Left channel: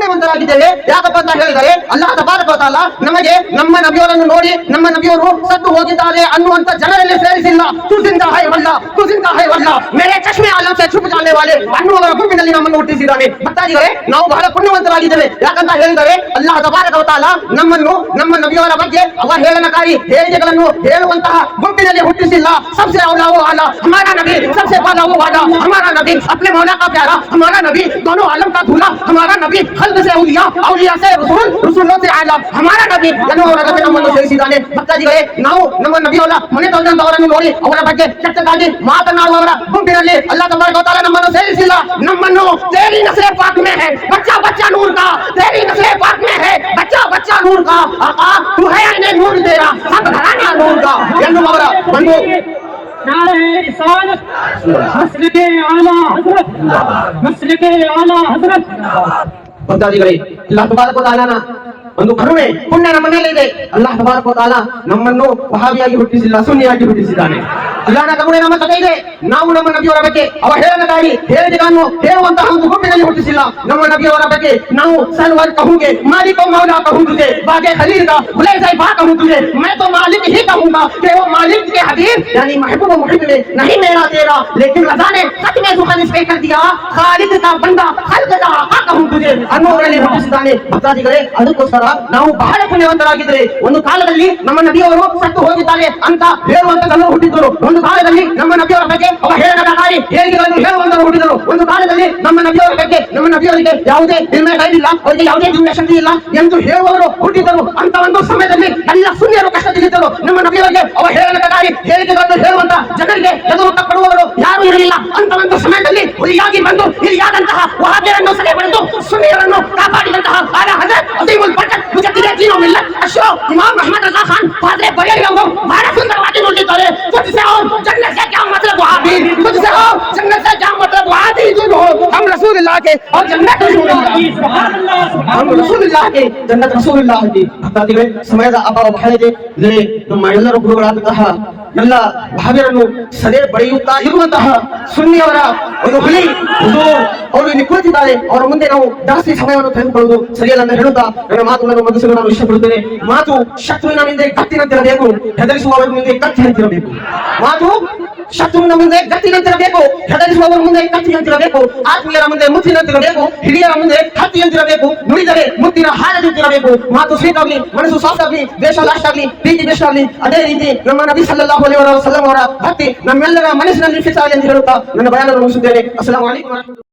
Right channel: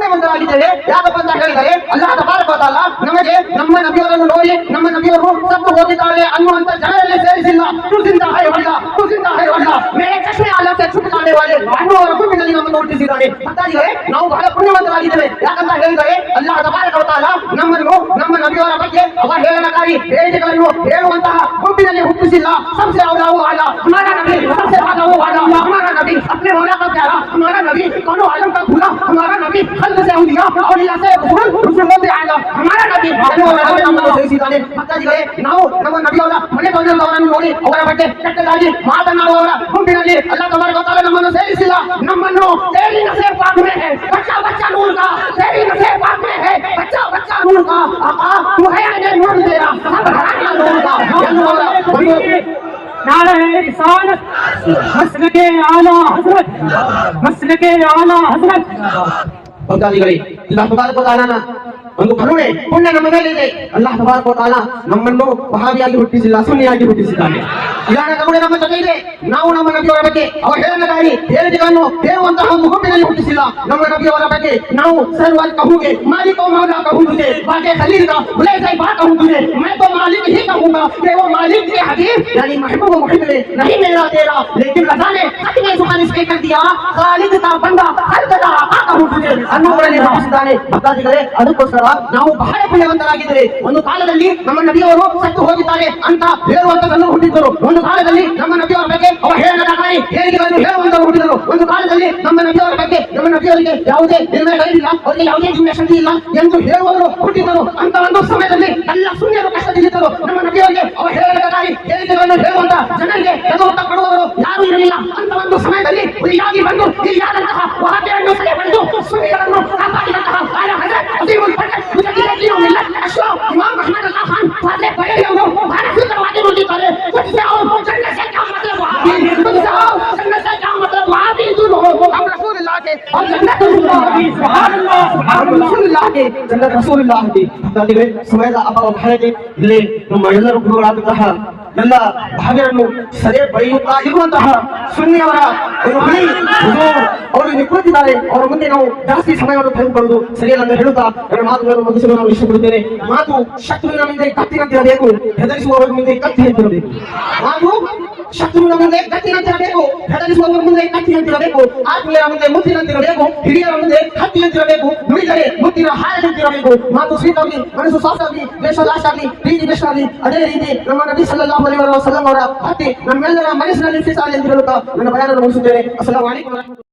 ಪುಣ್ಯವಂತರಾಗಿದ್ದೇವೆ. ಯಾಕಪ್ಪ ಅಂತ ಹೇಳಿದರೆ ಅಲ್ಲಾಹ್ ತಬಾರಕ ವ ತಆಲಾ ನಮಗೆ ನಮ್ಮ ನಬಿಯವರನ್ನು ನೋಡಿ ನಮ್ಮ ನಬಿಯವರು ಸತ್ತು ಹೋಗಿದ್ದಾರೆ ಅನ್ನುವಂತ ಜನರಲ್ಲಿ ಸೇರಿಸಿಲ್ಲ. ತುಸಿಂದ ಹೈವಲ್ಲ ಮೇರೆ ಚಶ್ಮೆ ಆಲಂ ಸೆ ಚುಪ್ ಜಾನೆ ವಾಲೆ ಅನ್ನುವರ ಗುಂಪಿನಲ್ಲಿ ನಮ್ಮನ್ನು ಹುಟ್ಟಿಸಿದ್ದಾನೆ. ಭಕ್ತಾದಿಗಳೇ, ನಾವು ಬಹಳ ಪುಣ್ಯವಂತರಾಗಿದ್ದೇವೆ. ಯಾಕಂತ ಹೇಳಿದರೆ ಅಲ್ಲಾಹ್ ತಬಾರಕ ವ ತಆಲಾ ನಮ್ಮನ್ನು ನಮ್ಮ ನಬಿಯವರ ಬಗ್ಗೆ ಅವಹೇಳನಕಾರಿ ಹೇಳಿಕೆಗಳನ್ನು ಹೇಳುವಂತಹ ಗುಂಪಿನಲ್ಲಿ ಹುಟ್ಟಿಸಿಲ್ಲ. सबसे औला वो वाला हमारा नबी, सबसे वाला वो वाला हमारा नबी, अपने मौला का प्यारा हमारा नबी, दोनों आलम का दूल्हा हमारा नबी, खल्क से औलिया औलिया से रसूल रसूलों से आला हमारा नबी ನಮ್ಮನ್ನು ಸೇರಿಸಿದ್ದಾನೆ. ಭಕ್ತಾದಿಗಳೇ, ನಾವು ನಮ್ಮ ನಬಿಯವರ ಮನೆ ತಂದವರನ್ನು ನೋಡಿ ಅವರ ಬಗ್ಗೆ ಕೆಟ್ಟದಾಗಿ ಮಾತನಾಡುವವರ ಗುಂಪಿನಲ್ಲಿ ಅಲ್ಲಾಹ್ ತಬಾರಕ ವ ತಆಲಾ ನಮ್ಮನ್ನು ಸೇರಿಸಿಲ್ಲ. ನಮ್ಮನ್ನು तेरी नस्ल पाक में है बच्चा बच्चा नूर का, तेरी नस्ल पाक में है बच्चा बच्चा नूर का, आका तू है ने नूर तेरा सब घराना नूर का ಎನ್ನುವವರ ಒಂದು नारे रिसालत मसलके आला हजरत मसलके आला हजरत. ಭಕ್ತಾದಿಗಳೇ, ಅಲ್ಲಾಹ್ ತಬಾರಕ ವ ತಆಲಾನ ಒಂದು ಕರುಣೆ ಪುಣ್ಯ ನಮ್ಮ ಮೇಲೆ ಇದೆ. ಅಲ್ಲಾಹ್ ತಬಾರಕ ವ ತಆಲಾ ನಮ್ಮನ್ನು ವಹಾಬಿಯಾಗಿ ಹುಟ್ಟಿಸಿಲ್ಲ, ಸುನ್ನಿಯಾಗಿ ಹುಟ್ಟಿಸಿದ್ದಾನೆ. ಅಲ್ಲಾಹನ ಕರುಣೆ ನಮ್ಮ ಜೊತೆ ಇದೆ. ನಾವು ನಮ್ಮ ನಬಿಯವರ ಬಗ್ಗೆ ಅವಹೇಳನಕಾರಿ ಹೇಳಿಕೆಗಳನ್ನು ಹೇಳುವಂತಹ ಒಂದು ಗುಂಪಿನಲ್ಲಿ ಹುಟ್ಟಿಸಿಲ್ಲ. ನಮ್ಮ ನಬಿಯವರ ಬಗ್ಗೆ ನಾವು ಸರ್ವರ್ कहूंगे मालिक और मौला कहूं तुझे बागे खलील का भले साहिबा कहूं तुझे मैं तो मालिक ही कहूंगा कि वो मालिक के हबीब यानी महबूब मुहिब ने नहीं मेरा तेरा लेकिन रज़ा ने सच में जुबान पे कर दिया खालिद का बंदा खल्क का आका कहूं तुझे ಅನ್ನುವರನ್ನೇ ಭಾವಿಸಿದ್ದಾನೆ. ಭಕ್ತಾದಿಗಳೇ, ಅದಕ್ಕೋಸ್ಕರ ನಾವು ಬಹಳ ಪುಣ್ಯವಂತರಾಗಿದ್ದರೆ ಒಂದು ಕಾಲದಲ್ಲಿ ನಮ್ಮ ನಬಿಯವರು ಸತ್ತು ಹೋಗಿದ್ದಾರೆ ಅಂತ ಹೇಳುವಂತದನ್ನು ಹುಟ್ಟಿದ್ದರು. ಒಂದು ಕಾಲದಲ್ಲಿ ನಮ್ಮ ನಬಿಯವರ ಬಗ್ಗೆ ಅವಹೇಳನಕಾರಿ ಹೇಳಿಕೆಗಳನ್ನು ಹೇಳುವಂತರು ಹುಟ್ಟಿದರು. ಒಂದು ಕಾಲದಲ್ಲಿ ನಮ್ಮ ನಬಿಯವರ ಬಗ್ಗೆ ನಮ್ಮ ನಬಿಯವರಿಗೆ ಯಾವುದೇ ನಿರ್ಣಯ ಇಲ್ಲ, ಅವರಿಗೆ ಯಾವುದೇ ಜೀವನ ಶಕ್ತಿ ಇಲ್ಲ ಎಂದು ಹೇಳುವವರು ಹುಟ್ಟಿದ್ದರು. ಅಂತ ಒಂದು ಸಮಯದಲ್ಲಿ ಎಲ್ಲ ಸುನ್ನಿಯರು ಕಷ್ಟದಲ್ಲಿದ್ದರು. ನಮ್ಮ ನಬಿಯವರಿಗೆ ಅವಹೇಳನಕಾರಿ ಹೇಳಿಕೆಗಳನ್ನು ಹೇಳುವಂತ ಜನರಿಗೆ ಎದುರು ತಕ್ಕೊಳ್ಳುವವರು ಯಾರು ಇರಲಿಲ್ಲ. ಅಂತ ಒಂದು ಸಮಯದಲ್ಲಿ ಹುಲಿಯಾಗಿ ಬಂದು ಇಲ್ಲಿಯಾದಂತಹ ವಹಾಬಿಯರನ್ನು ಸೆರೆ ಬೆಳೆದು ಸುನ್ನಿಯರನ್ನು ಕಾಪಾಡಿದಂತಹ ಆಲ ಹಜರತ್ ಅಜೀಮುಲ್ ಫರ್ಕತ್ ಮುಜದ್ದಿದೆ ದೀನು ಮಿಲ್ಲತ್ ಅಶ್ರಫ್ ಇಮಾಮ್ ಅಹಮದ್ ರಜಾ ಖಾನ್ ಫಾದ್ರೆ ಬರೇಲಿ ಅವರು ಬಹಳ ಸುಂದರವಾಗಿ ನುಡಿದಿದ್ದಾರೆ. ತುಜ್ಸೆ आओ जन्नत से क्या मतलब वहाबी, तुझसे आओ जन्नत से क्या मतलब वहाबी, तुम हो हम रसूलुल्लाह के और जन्नत रसूलुल्लाह की सुभान अल्लाह हम रसूलुल्लाह के जन्नत रसूलुल्लाह की. ಭಕ್ತಾದಿಗಳೇ, ಸಮಯದ ಅಭಾವ ಬಹಳ ಇದೆ. ಇದರಲ್ಲಿ ನಮ್ಮ ಎಲ್ಲರ ಗುರುಗಳಾದಂತಹ ಎಲ್ಲ ಭಾವಿಯರನ್ನು ಸದೆ ಬರೆಯುತ್ತಾ ಇರುವಂತಹ ಸುನ್ನಿಯವರ ಒಂದು ಹುಲಿ ಒಂದು ಅವರು ನಿಂತಿದ್ದಾರೆ. ಅವರ ಮುಂದೆ ನಾವು ಜಾಸ್ತಿ ಸಮಯವನ್ನು ತೆಗೆದುಕೊಳ್ಳುವುದು ಸರಿಯಲ್ಲ ಅಂತ ಹೇಳುತ್ತಾ ನನ್ನ ಮಾತುಗಳನ್ನು ಮುಗಿಸಲು ನಾನು ಇಷ್ಟಪಡುತ್ತೇನೆ. ಮಾತು ಶತ್ರುವಿನ ಮುಂದೆ ಕತ್ತಿನಂತಿರಬೇಕು, ಹೆದರಿಸುವವರ ಮುಂದೆ ಕತ್ತಿನಂತಿರಬೇಕು. ಮಾತು ಶತ್ರುವಿನ ಮುಂದೆ ಗತ್ತಿನಂತಿರಬೇಕು, ಹೆದರಿಸುವವರ ಮುಂದೆ ಕತ್ತಿನಂತಿರಬೇಕು, ಆತ್ಮೀಯರ ಮುಂದೆ ಮುತ್ತಿನಂತಿರಬೇಕು, ಹಿರಿಯರ ಮುಂದೆ ಕತ್ತಿಯಂತಿರಬೇಕು, ನುಡಿದರೆ ಮುತ್ತಿನ ಹಾರದಂತಿರಬೇಕು. ಮಾತು ಸ್ವೀಕಾರಲಿ, ಮನಸ್ಸು ಸಾಫ್ಟಾಗಲಿ, ದೇಶ ರಾಷ್ಟ್ರಾಗಲಿ, ಪ್ರೀತಿ ದೇಶ ಆಗಲಿ. ಅದೇ ರೀತಿ ನಮ್ಮ ನಬಿ ಸಲ್ಲಲ್ಲಾಹು ಅಲೈಹಿ ವಸಲ್ಲಂ ಅವರ ಭಕ್ತಿ ನಮ್ಮೆಲ್ಲರ ಮನಸ್ಸಿನಲ್ಲಿ ಫಿಸಾಲಿ ಅಂತ ಹೇಳುತ್ತಾ ನನ್ನ ಬಯಾನವನ್ನು ಮುಗಿಸುತ್ತೇನೆ. ಅಸ್ಸಲಾಮು ಅಲೈಕುಂ.